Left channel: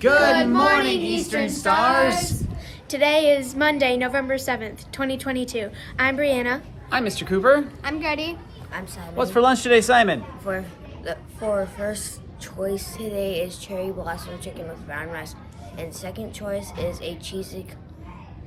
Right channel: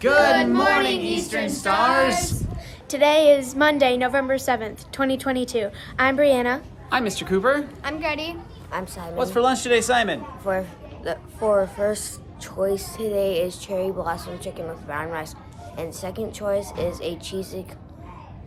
Good morning, Eastern Stars. Today is Monday, November 7th, 2022. I'm Brianna. I'm Mr. Cooper. I'm Gertie. I'm Simon. What's for lunch today, Simon? For first choice today is cherry blossom chicken with brown rice, and second choice is a cheesy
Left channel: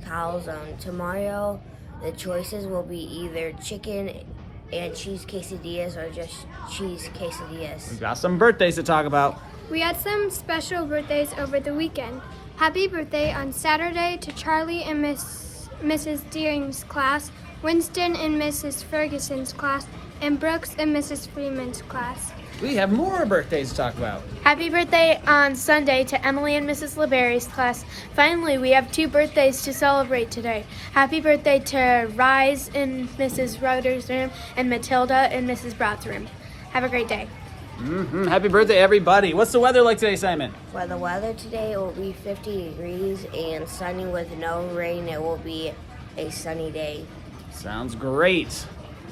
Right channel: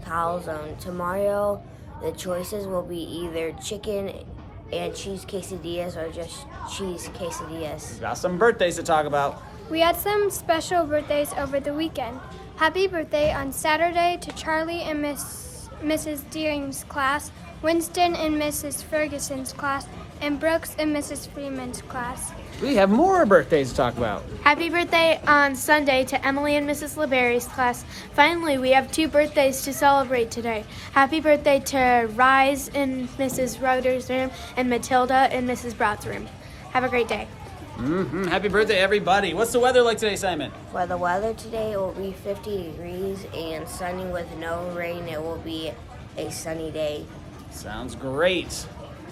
calzone. Tomorrow, the choices will be either chicken and cheese quesadillas or just cheese quesadillas. We've got some birthdays to talk about. We had some special birthdays over the weekend. Happy birthday on Saturday to Charlie and Mrs. Deering's class, Winston and Mrs. Ferguson's class, and Brooks and Mrs. Freeman's class. We have more birthdays to talk about. Happy birthday on Sunday to Emily and Mrs. LeBerry's class. Finally, we have 2 birthdays to celebrate today. Happy birthday to Rise in Mrs. Rutter's room and Matilda in Mrs. Broad's room. Have a great day. Happy birthday, everybody. What's the weather like today, Simon? For the weather today, it will be 50 degrees and sunny with no rain. It will be a sunny day. Sounds great.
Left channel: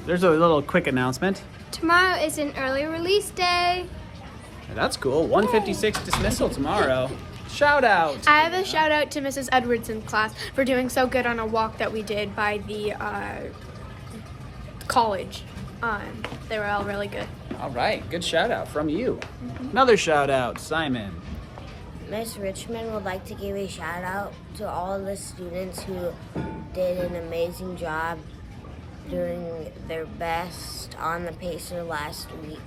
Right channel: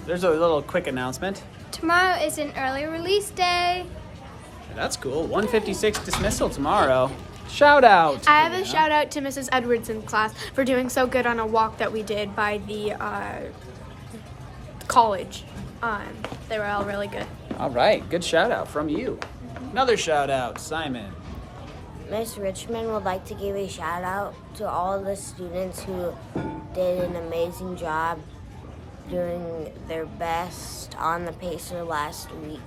There's a little quick announcement. Tomorrow is an early release day. That's cool. 156 dismissal tomorrow. Shout out. I have a shout out to Mrs. Edwardson's class for doing so good on a walk that we did by the college. They were all really good. All right. Good shout out from you. Another shout out, Simon. Miss Richmond would like to give a shout out to all the students who did an amazing job doing their best on the pacer last week.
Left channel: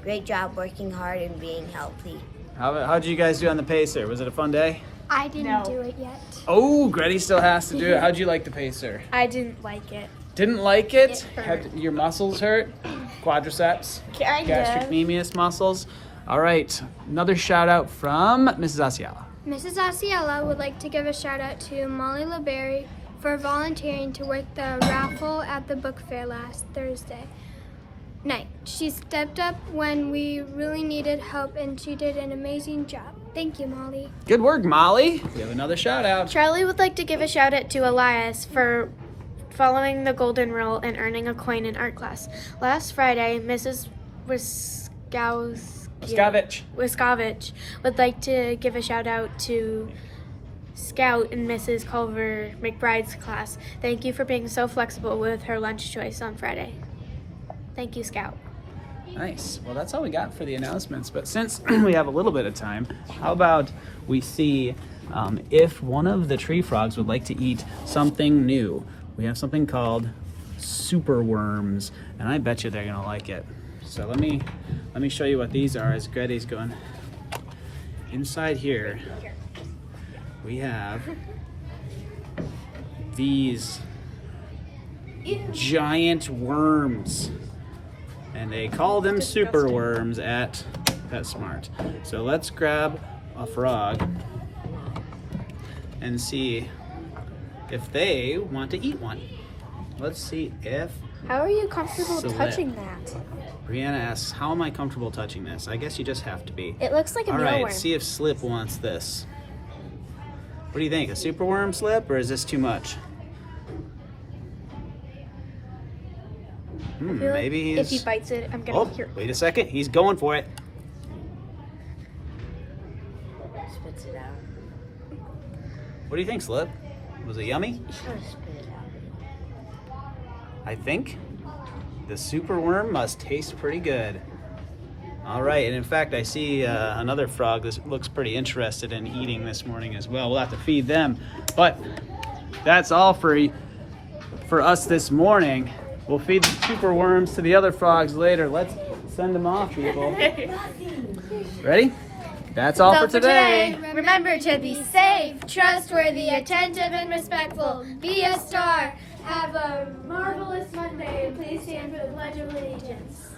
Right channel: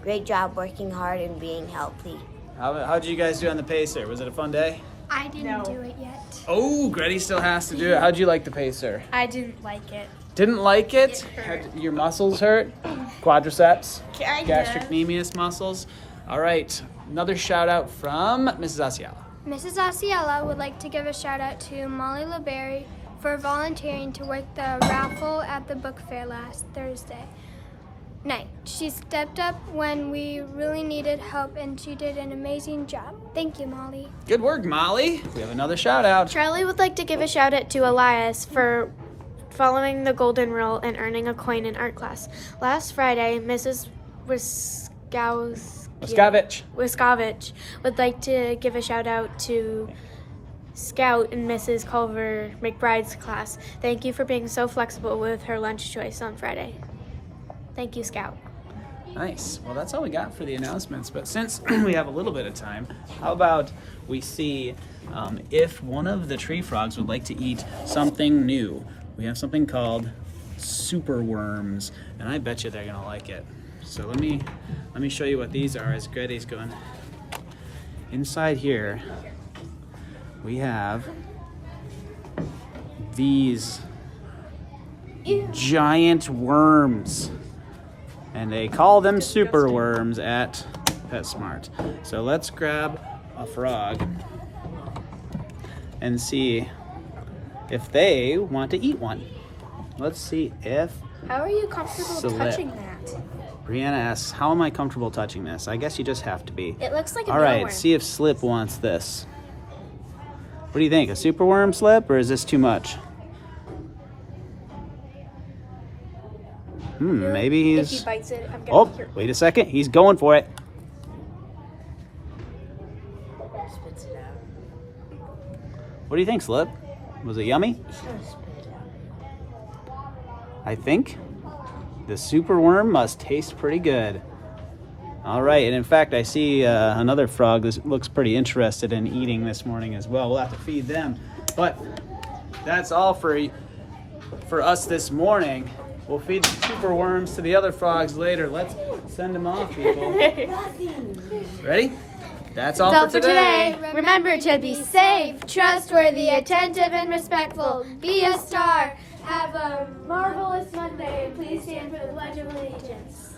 Great job working hard and being healthy. How'd you guys do on the pacer? Was it a fun day? I didn't do it yet. Oh, Gretty still has to do it. How'd you like the pacer? I didn't like it. Didn't like it? Had your muscles hurt? Quadriceps? Gastrocnemius muscles? All right. Another shout out from Mrs. Asiala. Mrs. Osceola would like to give a shout out to Molly LeBerry for volunteering to work the raffle at the book fair last Thursday night. She stepped up when we really needed help and she did an amazing job. Thank you, Molly. Good work, Molly. We have another shout out. Charlie would like to give a shout out to Elias for following the golden rule and earning a coin in art class. Last Friday, Mrs. Wiskovich would like to give a shout out to Scout in Mrs. Culver McBride's class. Thank you for being so flexible with her lunch choice on Friday. Thank you, Scout. Nice. Well, that's all we got for the announcements. But since we have a little bit of time, how about we see if one of the tree frogs would like to eat something new. We have something called super worms, and I bet you they're gonna like it. So let me show you what these are as Gretty's going. Inside here, we have these giant worms, and they call them super worms at PetSmart. So let's grab a frog and see if they want to eat one. Let's see if How are you comfortable touching that? Brianna asks, how am I comfortable touching this? I guess you just have to be. It looks like a All mealworm. right, see if Slip wants this. What do you think? A super worm, Slip, or is this too much? Maybe If he's... he bites it, I'm gonna Oh, hear. wait a second. He's going for it. What do you think, Slip? Was it yummy? I think the super worm must taste pretty good. All right, and in fact, I see another frog that looks pretty interested in eating this morning as well. We'll have to feed them, but that's all for us this morning. We'll feed the super worms to the other frogs later. Let's send them off, people. Ready? That's all for today. Remember to be safe, trustworthy, attentive, and respectful. Be a star. Have a marvelous Monday. Please stand for the Pledge of Allegiance.